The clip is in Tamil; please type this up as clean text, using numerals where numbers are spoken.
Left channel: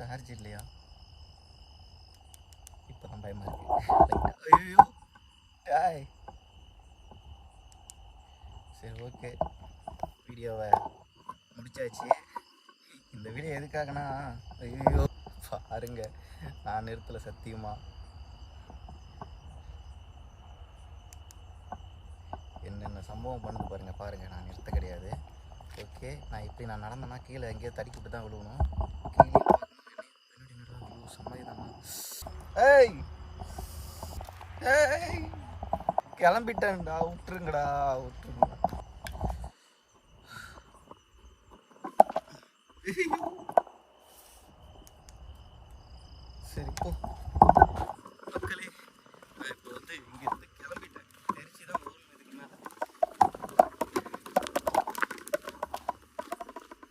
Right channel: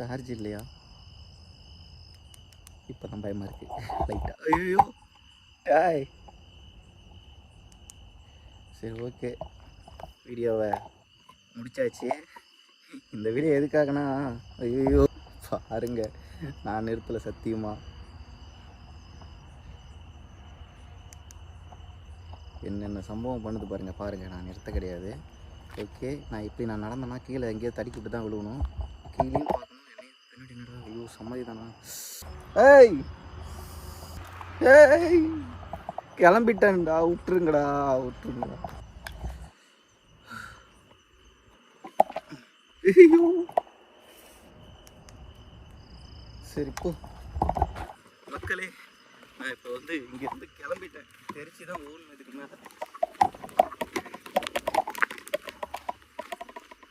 சார்ஜ் இல்லையா? இப்போ தான் பயமாக இருக்குது லைட்டாக. ஐயோ டாய். சரி ஓகே, வீடியோவை முடிச்சாச்சு. இந்த வீடியோ எதுக்காகனா, ஐயோ பாருங்க நான் நிறுத்தலை சத்தியமாக. என்னென்ன சம்பவம் பண்ணுது பாருங்கள். நான் நிறுத்த கிடையாது. ஓகே, நான் இப்படி நான் நடந்தேன்னா கீழே எங்கேயோ தடிக்கிட்டு தான் விழுவணும். கீழே பார்க்கணும், பின்னாடி என்னடா, ஐயோ சம்மதி தானா. ஏய் ஏய் கிளம்பிட்டேன்டா, விட்டுருங்கடா. ஐயோ சரி போ மக்களே, நான் இப்போ இங்கேருந்து கிளம்பிட்டேன். தெரிச்சு தான் ஓடணும் இதுக்கு மேலே.